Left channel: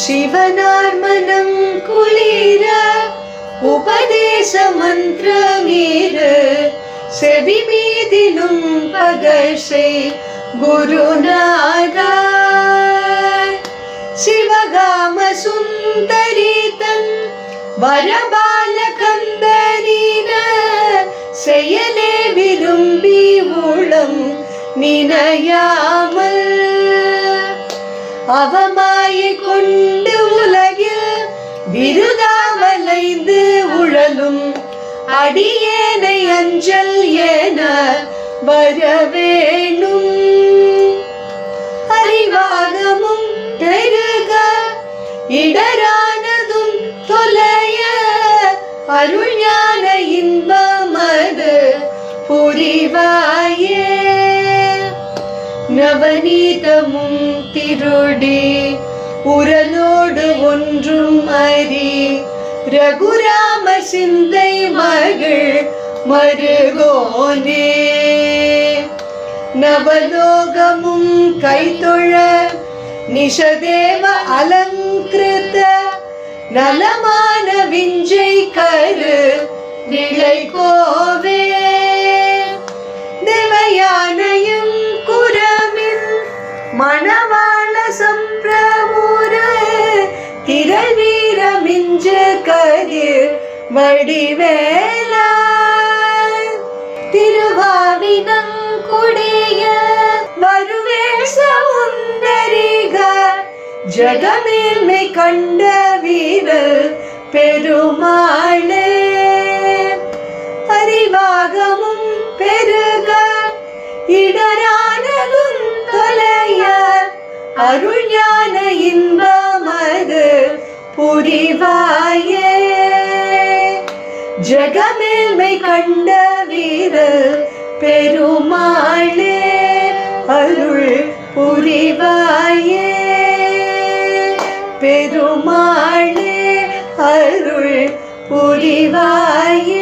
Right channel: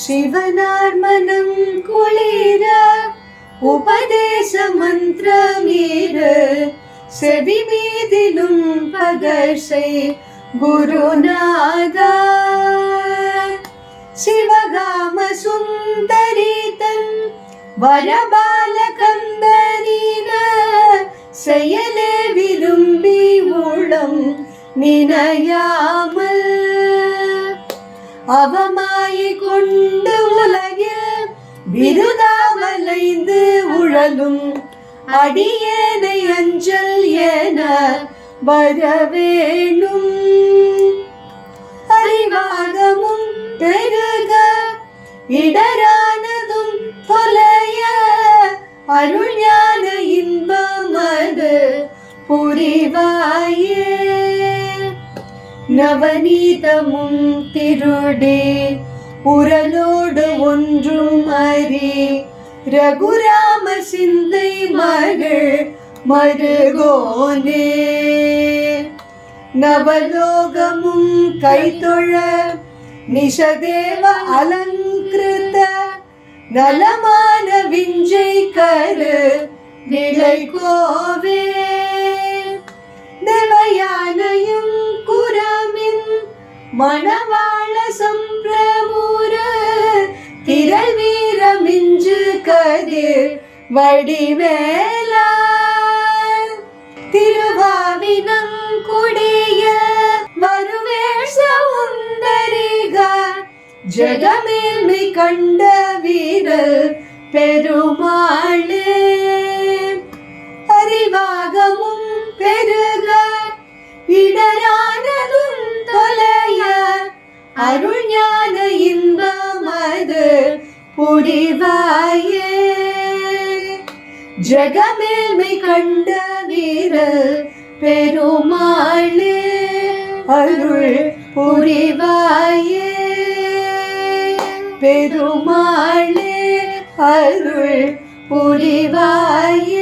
சிவனார் மனம் குளிர உபதேச மந்திரமீர செவி மீதிலும் பகர்ஷை குருநாதா. சிவகாம சுந்தரிதன் வரபால கந்தரீன செயலே விரும்பி உளம் நினையாமல் அவமாயை இருதாமலைந்து உழலும் அடியேனை அஞ்சல் என வரவேணும். அறிவாகமும் பெருக இடரானதும் தொலைய அருள் இன்பமது புரிவாயே. நவநீதமும் திருடே உரலோடு ஒன்றும் அறி ரகுராம சிந்தை மகள் மருகோனே. நவலோகமும் கைத்தொழ நிஷதேவ அலங்கிருத்த நலமான விஞ்சை கரு நிலை கோவே. நிலையானையும் குரமில் மன கதிர் கரு வடிவேலா திருவாவினங்குடிய வருவேஷ உந்தரிக ஜெகமேல்மை கண்ட வீரர் பெருமாளே. அறிவாகமும் பெருக இடரானதும் தொலைய அருள் ஞான இன்பமது புரிவாயே. ஜெகமேல்மை கண்ட வீரர் பெருமாளே அருள் புரிவாயே. பெருமாளே அருள் புரிவாயே.